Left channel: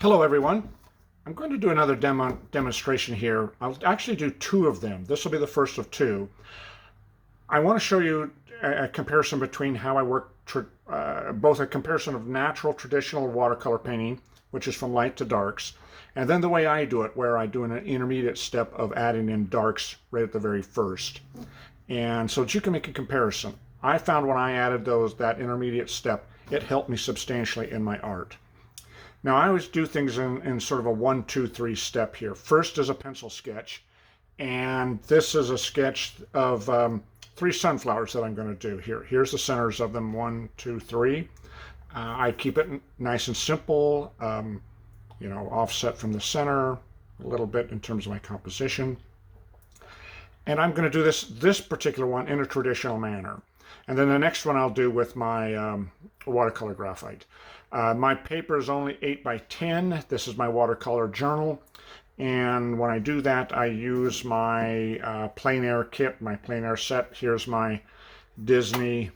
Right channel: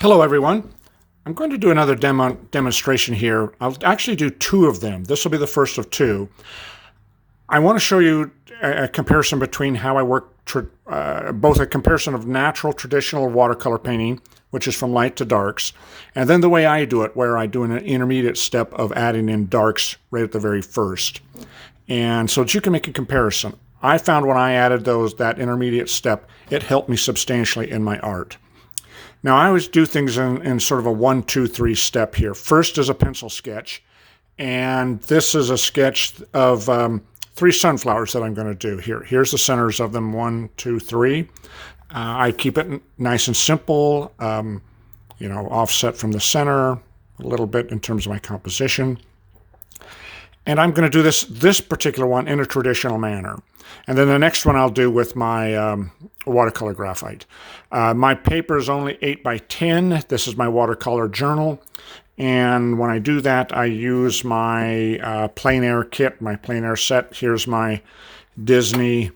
Hello everyone. I'm going to do another demonstration here. I'll actually do two of them. This will be the first of two. I want to show you a comparison between how I work, both a comparison of natural traditional watercolor painting, which is from light to darks, and then the way I do it, where I do an intermediate step of adding in darks right at the very first. And so that you can make a comparison. I found when I added that intermediate step, it helped me substantially in my art. Now, I always do things in sort of a 1, 2, 3 step here. First is a pencil sketch, and this is a sketch of 3 sunflowers that I'm going to do here. Here's the centers of them, 1, 2, 3. I keep it nice and simple, offset from the center, a little bit in terms of my composition. And I'm going to do this particular one in a traditional manner. And then the next one I'll do with my watercolor graphite. My paper is only 8 by 10. This is my watercolor journal. And when I do that, I use my plein air kit, my plein air set. Here's my Disney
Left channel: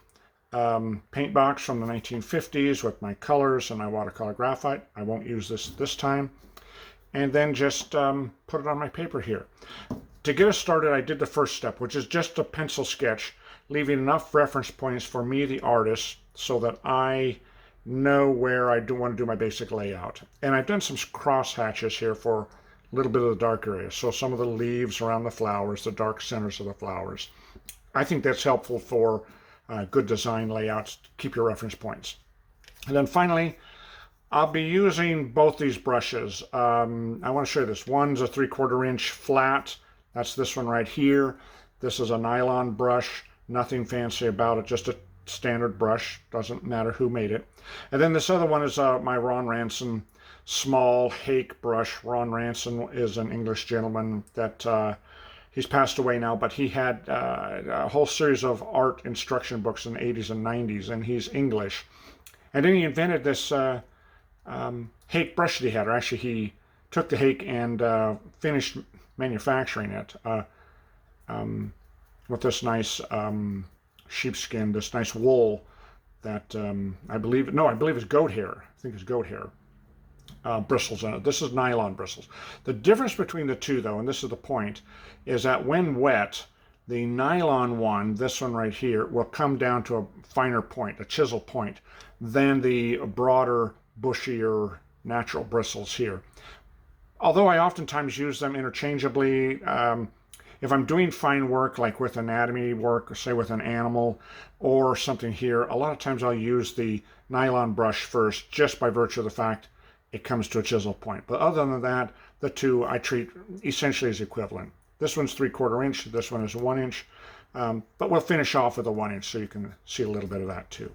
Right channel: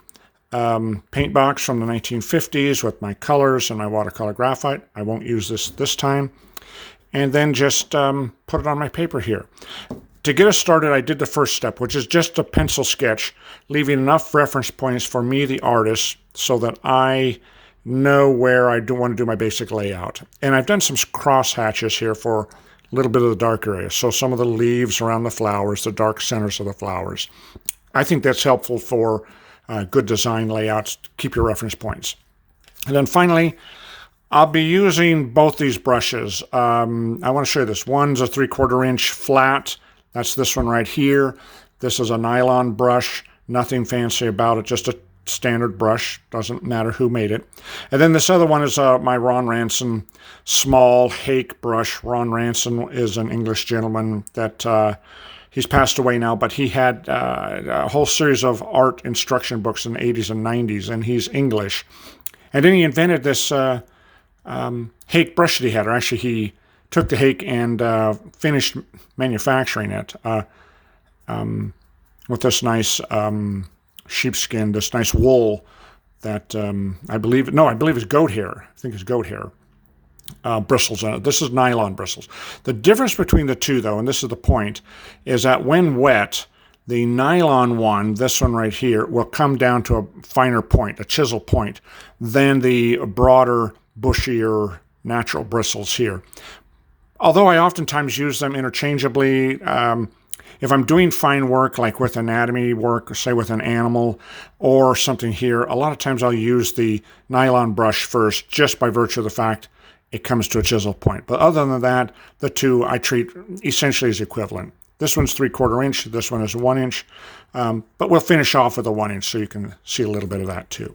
paint box from the 1950s with my colors and my watercolor graphite. I won't use this time. And then just put it on my paper here. To get us started, I did the first step, which is just a pencil sketch, leaving enough reference points for me, the artist, so that I know where I do want to do my basic layout. And I've done some cross hatches here for a little bit of the dark area. So some of the leaves around the flowers, the dark centers of the flowers. I think that's helpful for good design layouts to keep your reference points. And then finally, I'll be using both these brushes. I want to show you this. One's a 3/4 inch flat. That's this one right here. This is a nylon brush, nothing fancy about it, just a standard brush, doesn't matter who made it. And then this other one is my Ron Ranson small hake brush. Ron Ranson is an English gentleman that he's passed away now, but he had a whole series of art instruction books in the 80s and 90s, and he's English. And then he invented this hake brush that he had, or actually he took the hake and finished manufacturing it with this nice sheepskin, this nice wool that I believe it's goat hair. I think it's goat hair bristles on it. This is nylon bristles. The difference between the two, though, and this is the point, is that when wet, the nylon one, this one right here, will come down to a finer point, a chisel point, than the broader, bushier, natural bristles here. Although I oftentimes use them interchangeably, if I'm doing fine work, like with anatomy work, say with an animal or something here, a lot of times I'll use the nylon brush first, just by virtue of the fact it comes to a chisel point. But other than that, the two I treat essentially as equivalent. This one's 3/4 inch, this one is 1 inch, but we'll finish off with a 1 inch so you can see a little bit of that too.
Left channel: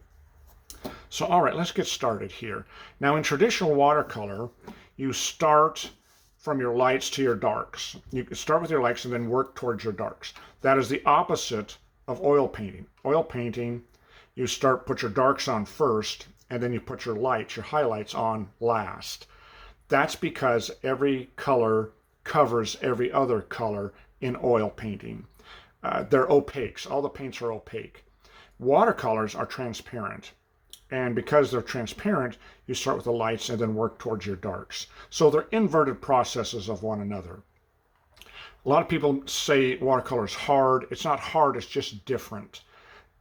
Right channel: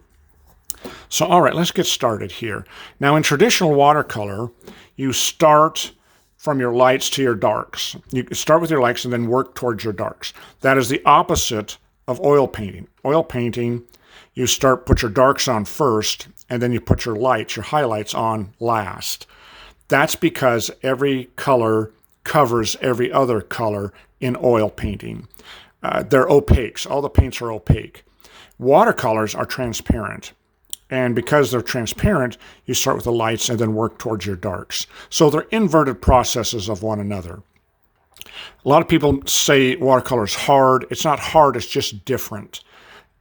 So, all right, let's get started here. Now, in traditional watercolor, you start from your lights to your darks. You start with your lights and then work towards your darks. That is the opposite of oil painting. Oil painting, you put your darks on first, and then you put your lights, your highlights on last. That's because every color covers every other color in oil painting. They're opaques. All the paints are opaque. Watercolors are transparent. And because they're transparent, you start with the lights and then work towards your darks. So they're inverted processes of one another. A lot of people say watercolor is hard. It's not hard, it's just different.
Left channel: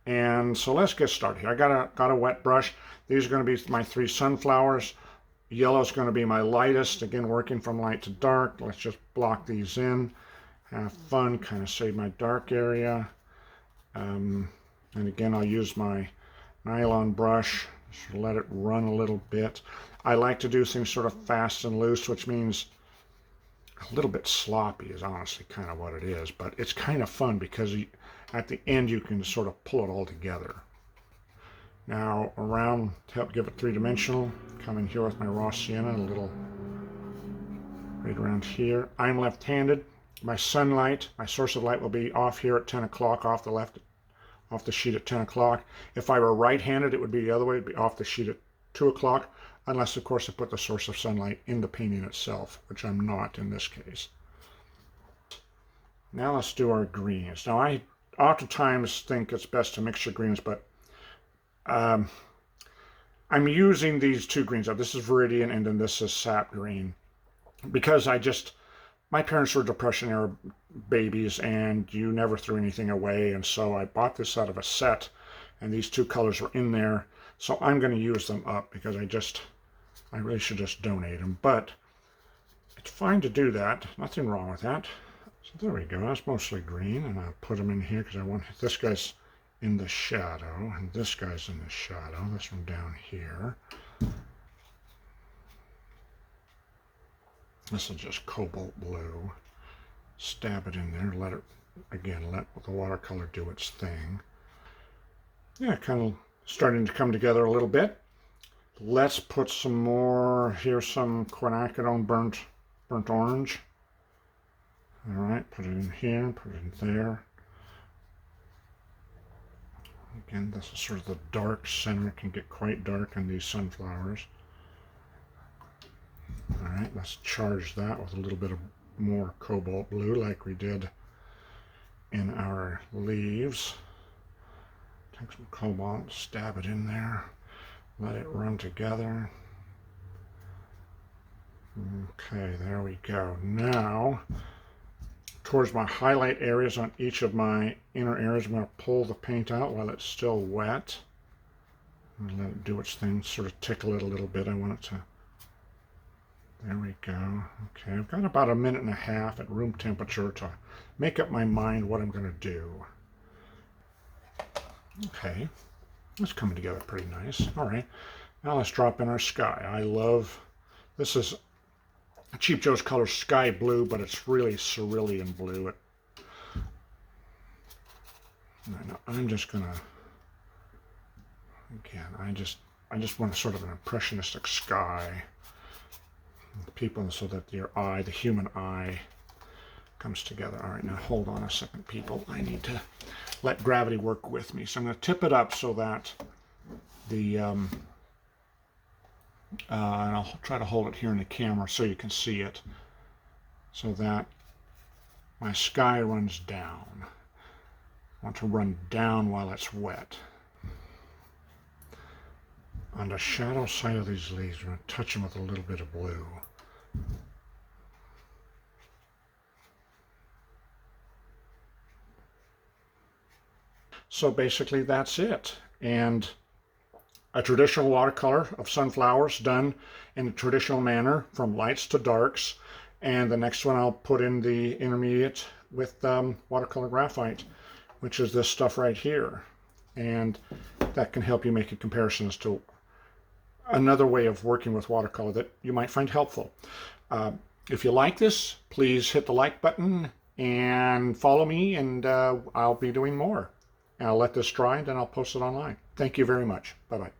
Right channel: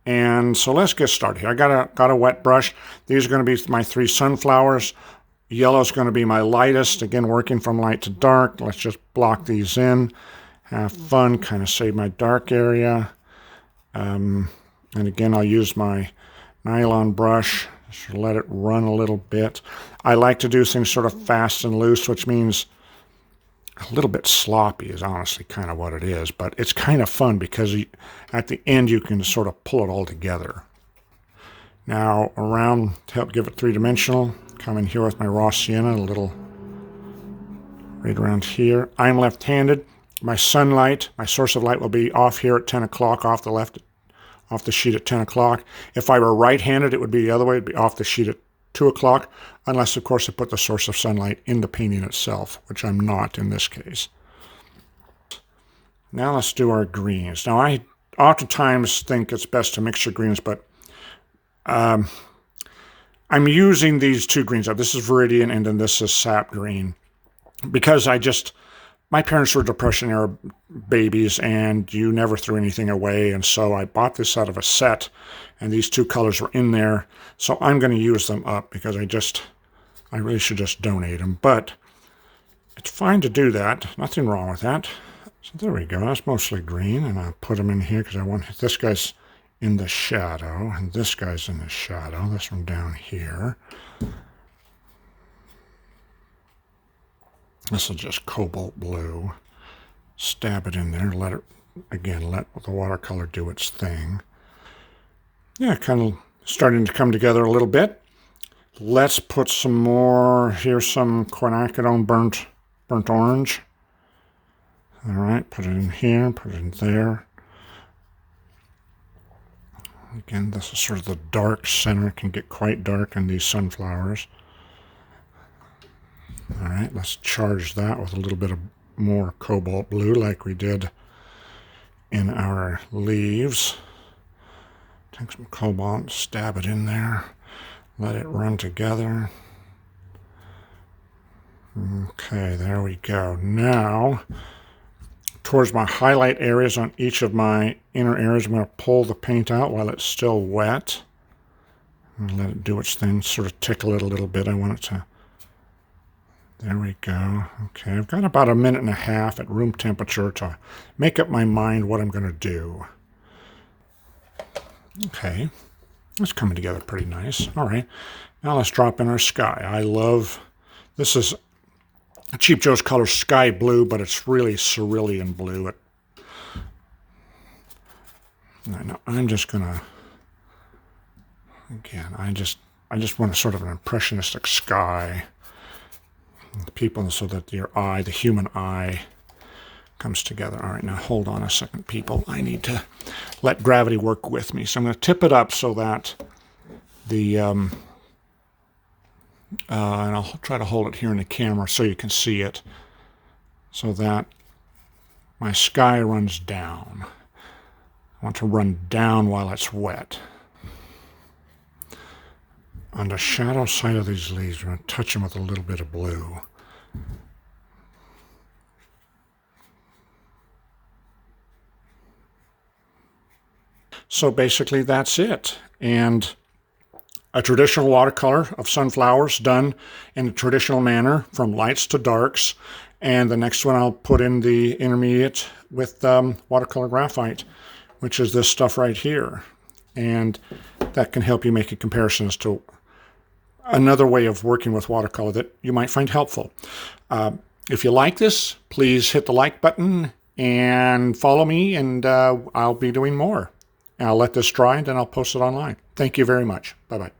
And so let's get started here. I got a wet brush. These are going to be my 3 sunflowers. Yellow is going to be my lightest. Again, working from light to dark. Let's just block these in. Have fun, kind of save my dark area. And again, I'll use my nylon brush, just let it run a little bit. I like to do things sort of fast and loose, which means a little bit sloppy is honestly kind of what it is, but it's kind of fun because at the end you can sort of pull it all together. Now around, to help give it 3-dimensional, come in here with my raw sienna, a little right around here. I'm left-handed. My sunlight, my source of light will be off here at 10 o'clock, off the sheet at 10 o'clock. If I were right-handed, it would be the other way. It would be off the sheet at 2 o'clock, unless, of course, I put the source of sunlight in the painting itself, which I'm not in this case. Now let's do our greens. Now, I oftentimes think it's best to mix your greens, but I'm using these two greens. This is Viridian and then this is Sap Green because my parents were Depression era babies and you never threw anything away. And so I bought this out of a set and these two colors were in there. So I'm going to use them up because I really should just donate them. But it's fine to do that. Nothing wrong with that. So there we go. That's mostly green. And I'll put them in here because I want this guy's in the shadow and this guy's in the shadow. This one down here. This is just cobalt blue. Stab it in there. Let the watercolor do its thing. Yeah, kind of starting to come together a little bit. Let's put some more. Here's some quinacridone burnt orange. All right, put it in here, put it in there. Again, this is sort of the dark center. It can get quite dark in these sunflowers. All right, let's charge that with a little bit of more cobalt blue like we did in our leaves. Take some cobalt, stab it in there, let it run together. Okay, there we go. Now, towards my highlight areas on each of my inner areas, I'm going to pull the paint out while it's still wet. And let it do its thing, sort of tickle it a little bit. I want it to... There we go. Okay, I've got about 1.5 minutes at room temperature to make up my mind what I'm going to do. Okay, it's coming together pretty nice. All right, now let's drop in our sky. This is a Cheap Joe's Color Sky Blue, but it's really cerulean blue. I'm just going to, again, I just want sort of an impressionistic sky. People, so that the human eye comes together. All right, now hold on a second, people. I need to let gravity work with me. So I'm going to tip it up so that and I'll try to hold it here in the camera so you can see it, so that my sky runs down. I want to run down while it's wet. On the shadow side of these leaves, I'm going to touch them with a little bit of blue. So basically that's it. And a traditional watercolor of sunflowers done in a traditional manner from lights to darks. And the next one I'll put in the intermediate with watercolor graphite, which is this stuff right here. And that can help you make a comparison as to another way of working with watercolor that you might find helpful. If you like this, please hit the like button and follow me, and I'll be doing more. I'll let this dry and then I'll post it online. Thank you very much. Bye-bye.